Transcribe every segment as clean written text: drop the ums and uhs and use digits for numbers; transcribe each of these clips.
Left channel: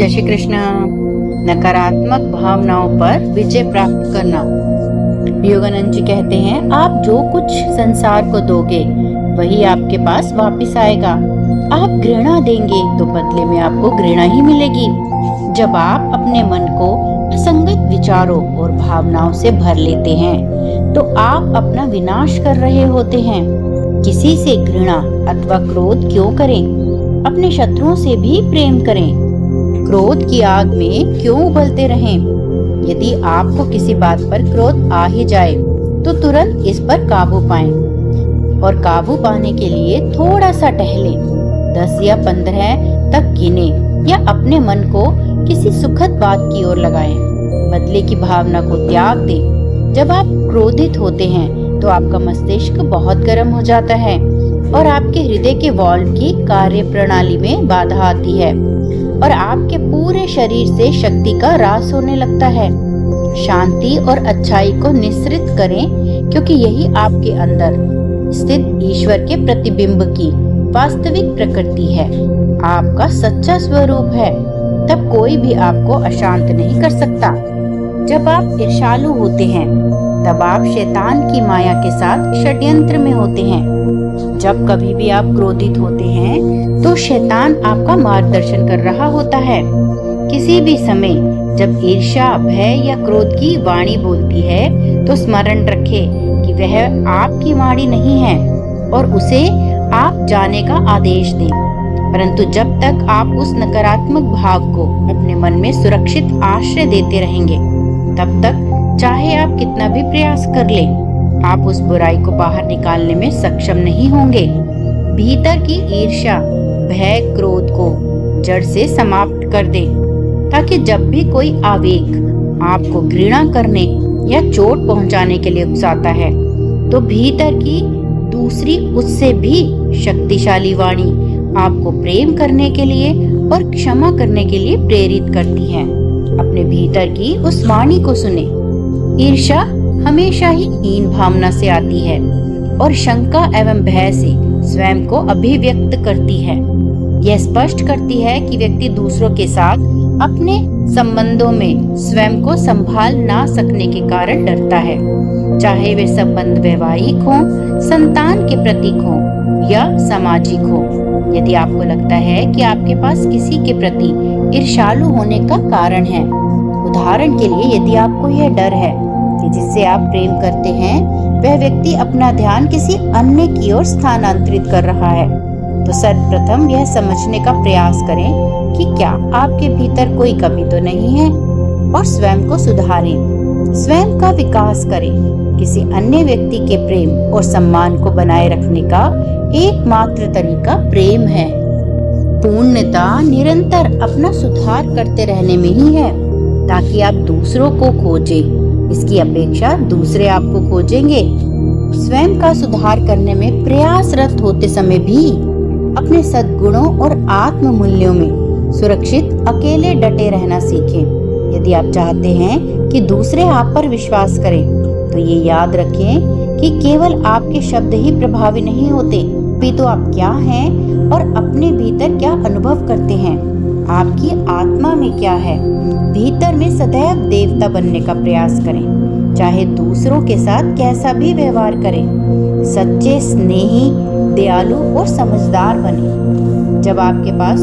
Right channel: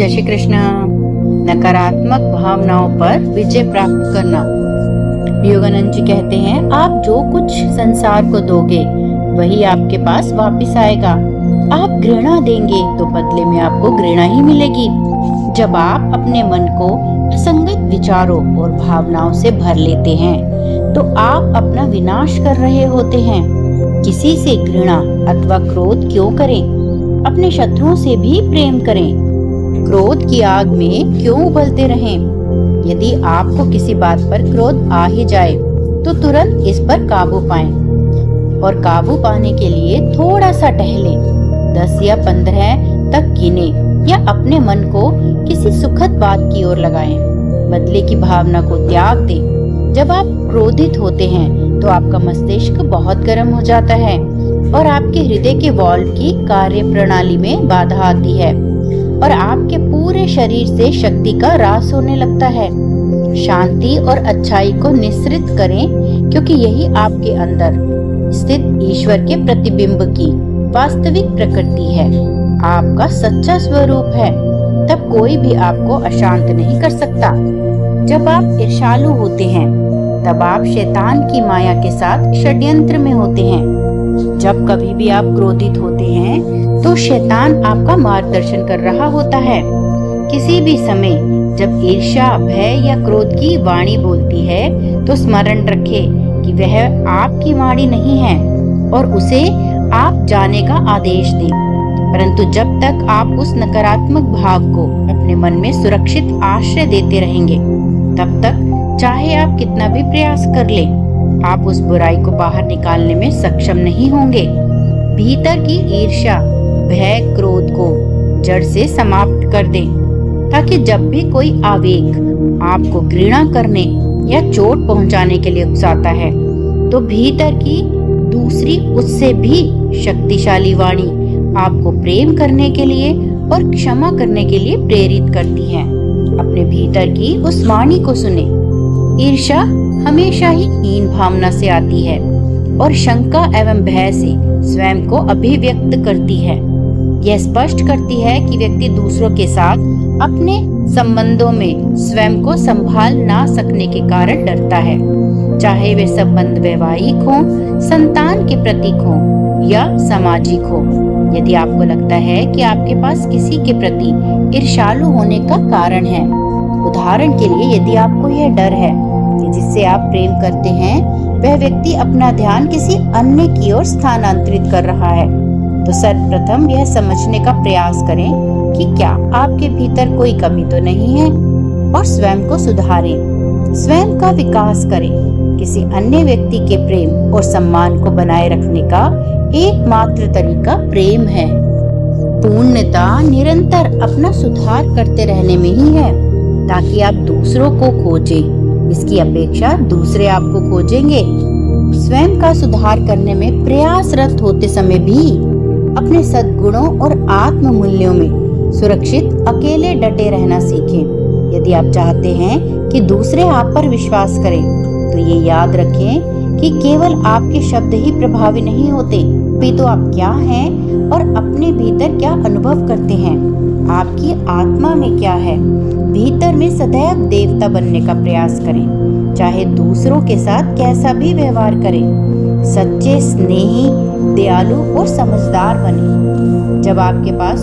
जय श्री कृष्ण। नकारात्मक भावनाओं पर विजय प्राप्त करना। योगानंद जी कहते हैं, आप जो कुछ संसार को दोगे वही आपके पास वापस आएगा। आप घृणा देंगे तो बदले में आपको घृणा ही मिलेगी। जब आप अपने मन को असंगत विचारों और भावनाओं से भर लेते हैं तो आप अपना विनाश कर रहे होते हैं। किसी से घृणा अथवा क्रोध क्यों करें? अपने शत्रुओं से भी प्रेम करें। क्रोध की आग में क्यों उबलते रहें? यदि आपको किसी बात पर क्रोध आ ही जाए तो तुरंत इस पर काबू पाएं और काबू पाने के लिए थोड़ा सा टहलें। 10 या 15 तक गिने या अपने मन को किसी सुखद बात की ओर लगाएं। बदले की भावना को त्याग दें। जब आप क्रोधित होते हैं तो आपका मस्तिष्क बहुत गर्म हो जाता है और आपके हृदय के वाल्व की कार्य प्रणाली में बाधा आती है और आपके पूरे शरीर से शक्ति का ह्रास होने लगता है। शांति और अच्छाई को निश्रित करें, क्योंकि यही आपके अंदर स्थित ईश्वर के प्रतिबिंब की वास्तविक प्रकृति है, आपका सच्चा स्वरूप है। तब कोई भी आपको अशांत नहीं कर सकता। जब आप ईर्ष्यालु होते हैं तब आप शैतान की माया के साथ षड्यंत्र में होते हैं। जब कभी भी आप क्रोधित होते हैं तो शैतान आपका मार्गदर्शन कर रहा होता है। किसी भी समय जब ईर्ष्या, भय या क्रोध की वाणी बोलती है तो स्मरण रखें कि वह आपकी वाणी नहीं है और उसे आप जाने का आदेश दें। परंतु जब तक आप उस नकारात्मक भाव को अपने मन में सुरक्षित आश्रय देते रहेंगे, तब तक चाहे आप कितना भी प्रयास कर लें, आप उस बुराई को बाहर निकालने में सक्षम नहीं होंगे। भीतर की ईर्ष्या, भय, क्रोध को जड़ से समाप्त कर दें, ताकि जब भी कोई आवेग आपको घृणा करने या चोट पहुंचाने के लिए उकसाता है तो भीतर की दूसरी, उससे भी शक्तिशाली वाणी आपको प्रेम करने के लिए और क्षमा करने के लिए प्रेरित करती है। अपने भीतर की उस वाणी को सुने। ईर्ष्या हमेशा ही हीन भावना से आती है और शंका एवं भय से स्वयं को अभिव्यक्त करती है। यह स्पष्ट करती है कि व्यक्ति दूसरों के साथ अपने संबंधों में स्वयं को संभाल ना सकने के कारण डरता है, चाहे वे संबंध वैवाहिक हों, संतान के प्रतीक हों या सामाजिक हो। यदि आपको लगता है कि आपके पास किसी के प्रति ईर्ष्यालु होने का कारण है, उदाहरण के लिए यदि आपको यह डर है कि जिससे आप प्रेम करते हैं वह व्यक्ति अपना ध्यान किसी अन्य की ओर स्थानांतरित कर रहा है, तो सर्वप्रथम यह समझने का प्रयास करें कि क्या आपके भीतर कोई कमी तो नहीं है और स्वयं को सुधारें। स्वयं का विकास करें। किसी अन्य व्यक्ति के प्रेम और सम्मान को बनाए रखने का एकमात्र तरीका प्रेम है। पूर्णता निरंतर अपना सुधार करते रहने में ही है, ताकि आप दूसरों को खोजें, इसकी अपेक्षा दूसरे आपको खोजेंगे। स्वयं का सुधार करने में प्रयासरत होते समय भी अपने सद्गुणों और आत्म मूल्यों में सुरक्षित अकेले डटे रहना सीखें। यदि आप चाहते हैं कि दूसरे आप पर विश्वास करें तो ये याद रखें कि केवल आपके शब्द ही प्रभावी नहीं होते, तो आप क्या हैं और अपने भीतर क्या अनुभव करते हैं, आपकी आत्मा में क्या है। भीतर में सदैव देवता बनने का प्रयास करें, चाहे दूसरों के साथ कैसा भी व्यवहार करें। सच्चे, स्नेही, दयालु और समझदार बने। जब आपके पास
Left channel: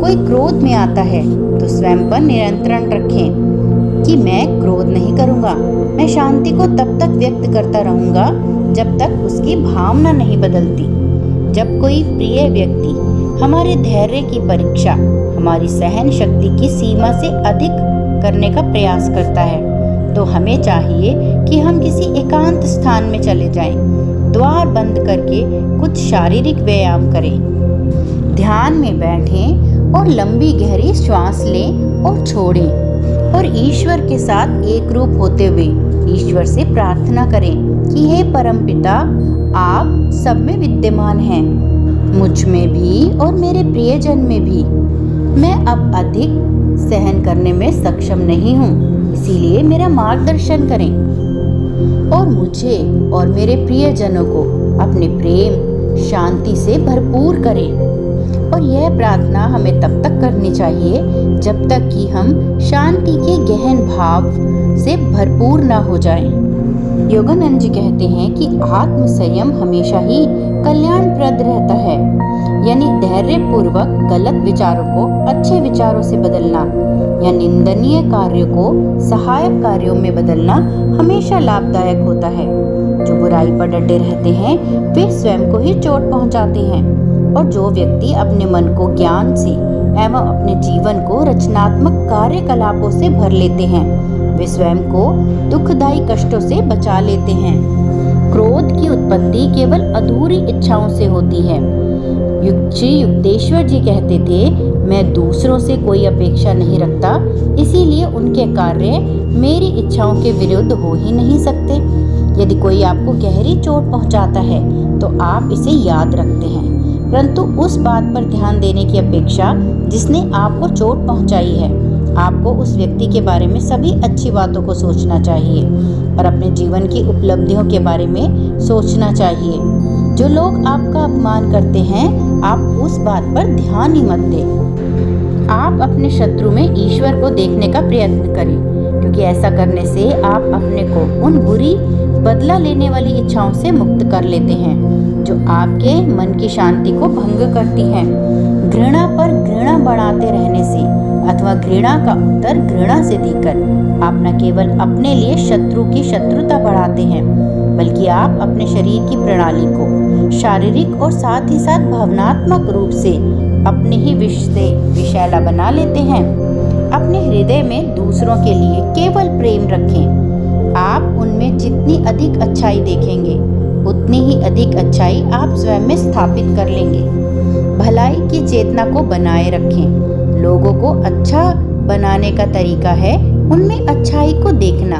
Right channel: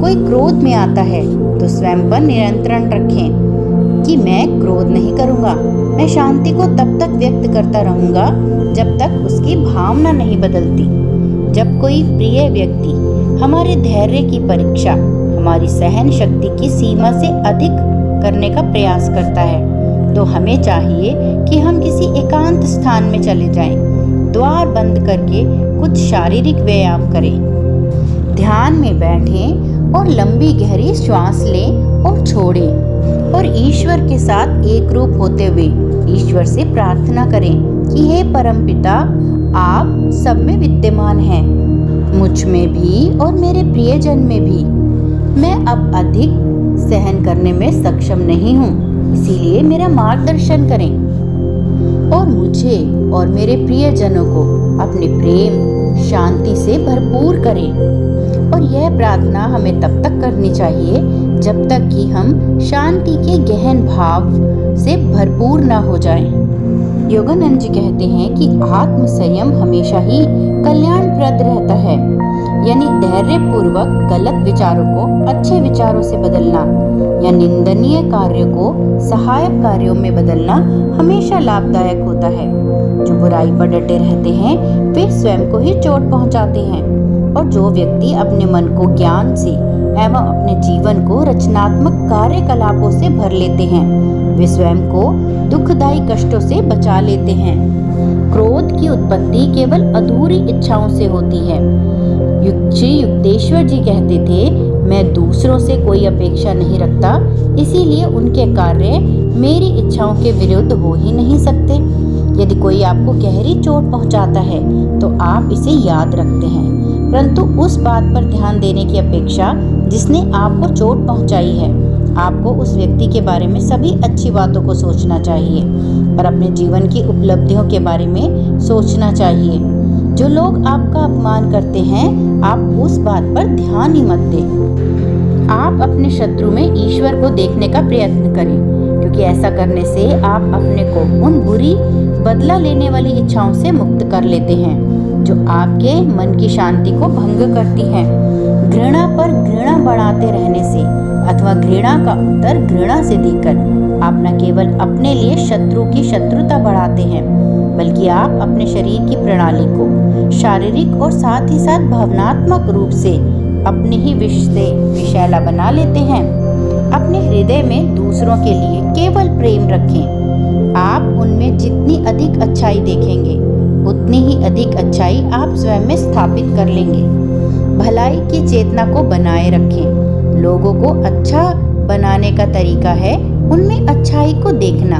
कोई क्रोध में आता है तो स्वयं पर नियंत्रण रखें कि मैं क्रोध नहीं करूंगा। मैं शांति को तब तक व्यक्त करता रहूंगा जब तक उसकी भावना नहीं बदलती। जब कोई प्रिय व्यक्ति हमारे धैर्य की परीक्षा, हमारी सहन शक्ति की सीमा से अधिक करने का प्रयास करता है तो हमें चाहिए कि हम किसी एकांत स्थान में चले जाएं, द्वार बंद करके कुछ शारीरिक व्यायाम करें, ध्यान में बैठें और लंबी गहरी श्वास लें और छोड़ें और ईश्वर के साथ एक रूप होते हुए ईश्वर से प्रार्थना करें कि हे परमपिता, आप सब में विद्यमान हैं, मुझ में भी और मेरे प्रियजन में भी। मैं अब अधिक सहन करने में सक्षम नहीं हूँ, इसीलिए मेरा मार्गदर्शन करें और मुझे और मेरे प्रियजनों को अपने प्रेम, शांति से भरपूर करें। और यह प्रार्थना हमें तब तक करनी चाहिए जब तक कि हम शांति के गहन भाव से भरपूर न हो जाएं। योगानंद जी कहते हैं कि आत्म संयम हमेशा ही कल्याणप्रद रहता है, यानी धैर्य पूर्वक गलत विचारों को अच्छे विचारों से बदलना या निंदनीय कार्यों को सहायक कार्यों में बदलना हमेशा लाभदायक होता है। जो बुराई पर डटे रहते हैं वे स्वयं को ही चोट पहुंचाते हैं, और जो व्यक्ति अपने मन को ज्ञान से एवं अपने जीवन को रचनात्मक कार्यकलापों से भर लेते हैं वे स्वयं को दुखदायी कष्टों से बचा लेते हैं। क्रोध की उत्पत्ति केवल अधूरी इच्छाओं से होती है। श्री युक्तेश्वर जी कहते थे, मैं दूसरों से कोई अपेक्षा नहीं रखता, इसीलिए उनके कार्य मेरी इच्छाओं के विरुद्ध हो ही नहीं सकते। यदि कोई आपको गहरी चोट पहुंचाता है तो आप इसे याद रखते हैं, परंतु उस बात पर ध्यान देने की अपेक्षा जिसने आपको चोट पहुंचाई है। आपको उस व्यक्ति के बारे में सभी अच्छी बातों को सोचना चाहिए और अपने जीवन की उपलब्धियों के बारे में सोचना चाहिए। जो लोग आपका अपमान करते हैं, आप उस बात पर ध्यान ही मत दें। आप अपने शत्रु में ईश्वर को देखने का प्रयत्न करें, क्योंकि ऐसा करने से आप अपने को उन बुरी बदला लेने वाली इच्छाओं से मुक्त कर लेते हैं जो आपके मन की शांति को भंग करती हैं। घृणा पर घृणा बढ़ाते रहने से अथवा घृणा का उत्तर घृणा से देकर आप न केवल अपने लिए शत्रु की शत्रुता बढ़ाते हैं, बल्कि आप अपने शरीर की प्रणाली को शारीरिक और साथ ही साथ भावनात्मक रूप से अपने ही विष से विषैला बना लेते हैं। अपने हृदय में दूसरों के लिए केवल प्रेम रखें। आप उनमें जितनी अधिक अच्छाई देखेंगे उतनी ही अधिक अच्छाई आप स्वयं में स्थापित कर लेंगे। भलाई की चेतना को बनाए रखें। लोगों को अच्छा बनाने का तरीका है उनमें अच्छाई को देखना।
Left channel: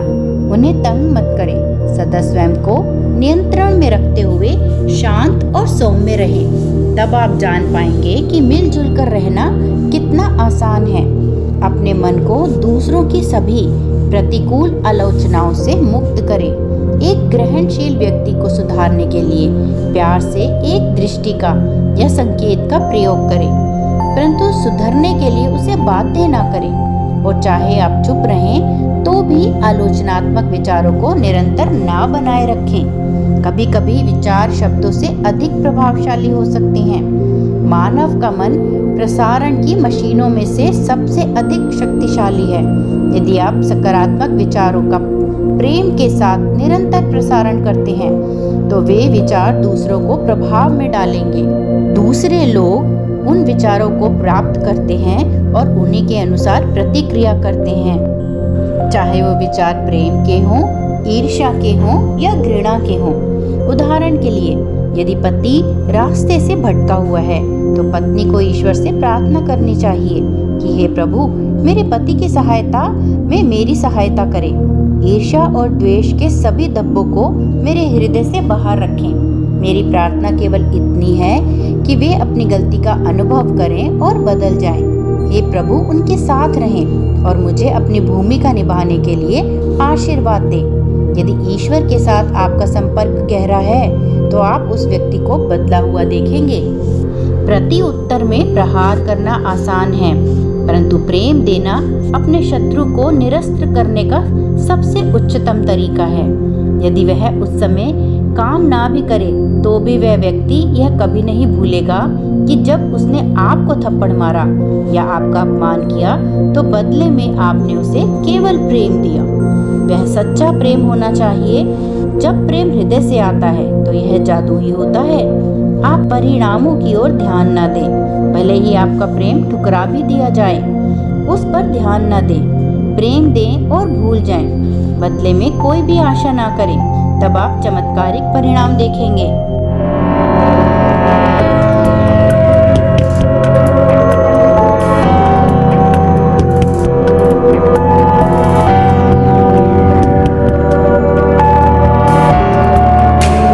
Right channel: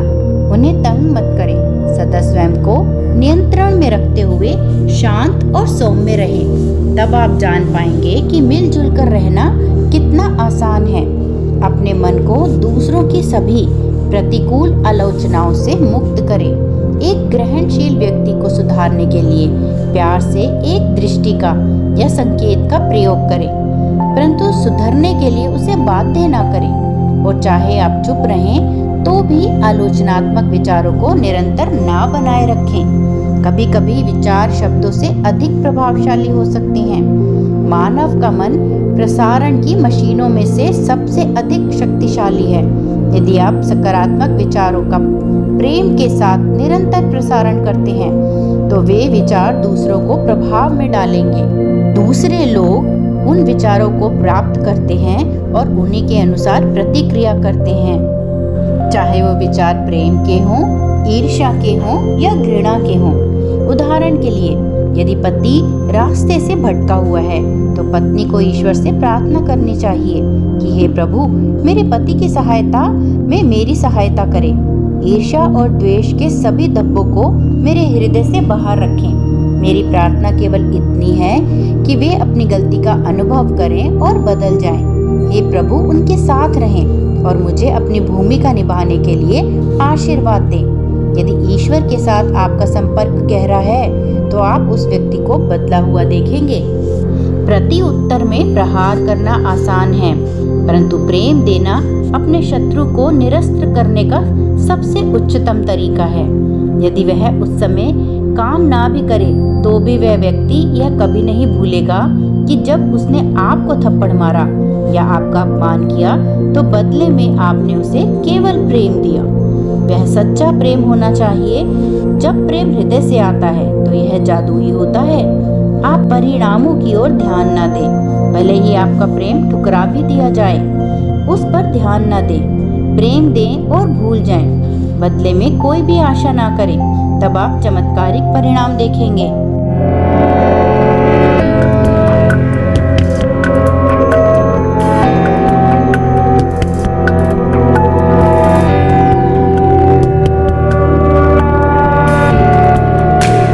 उन्हें तंग मत करें। सदा स्वयं को नियंत्रण में रखते हुए शांत और सौम्य रहें। तब आप जान पाएंगे कि मिलजुल कर रहना कितना आसान है। अपने मन को दूसरों की सभी प्रतिकूल आलोचनाओं से मुक्त करें। एक ग्रहणशील व्यक्ति को सुधारने के लिए प्यार से एक दृष्टि का या संकेत का प्रयोग करें, परंतु सुधरने के लिए उसे बाध्य ना करें। और चाहे आप चुप रहें तो भी आलोचनात्मक विचारों को निरंतर ना बनाए रखें। कभी कभी विचार शब्दों से अधिक प्रभावशाली हो सकते हैं। मानव का मन प्रसारण की मशीनों में से सबसे अधिक शक्तिशाली है। यदि आप सकारात्मक विचारों का प्रेम के साथ निरंतर प्रसारण करते हैं तो वे विचार दूसरों को प्रभाव में डालेंगे। दूसरे लोग उन विचारों को प्राप्त करते हैं और उन्हीं के अनुसार प्रतिक्रिया करते हैं, चाहे वो विचार प्रेम के हों, ईर्ष्या के हों या घृणा के हों। उदाहरण के लिए, यदि पति रास्ते से भटका हुआ है तो पत्नी को ईश्वर से प्रार्थना करनी चाहिए कि हे प्रभु, मेरे पति की सहायता में मेरी सहायता करें। ईर्ष्या और द्वेष के सभी धब्बों को मेरे हृदय से बाहर रखें। मेरी प्रार्थना केवल इतनी है कि वे अपनी गलती का अनुभव करें और बदल जाएं। हे प्रभु, उनके साथ रहें और मुझे अपनी भूमिका निभाने के लिए आशीर्वाद दें। यदि ईश्वर के साथ आपका संपर्क गहरा है तो आप उस व्यक्ति को बदला हुआ देखेंगे। प्रति उत्तर में प्रहार करना आसान है, परंतु प्रेम देना अपने शत्रु को निरस्त करने का सबसे उच्चतम तरीका है। यदि वह उस समय काम ना भी करे तो भी वह व्यक्ति यह कभी नहीं भूलेगा कि जब उसने आपको थप्पड़ मारा या आपका अपमान किया तो बदले में आपने उसे केवल प्रेम दिया। वह सच्चा प्रेम होना चाहिए। जब प्रेम हृदय से आता है तो यह जादुई होता है। आप परिणामों की ओर ध्यान न दें, भले ही आपका प्रेम ठुकरा भी दिया जाए, उस पर ध्यान न दें। प्रेम दें और भूल जाएं। बदले में कोई भी आशा ना करें, तब आप चमत्कारिक परिणाम देखेंगे।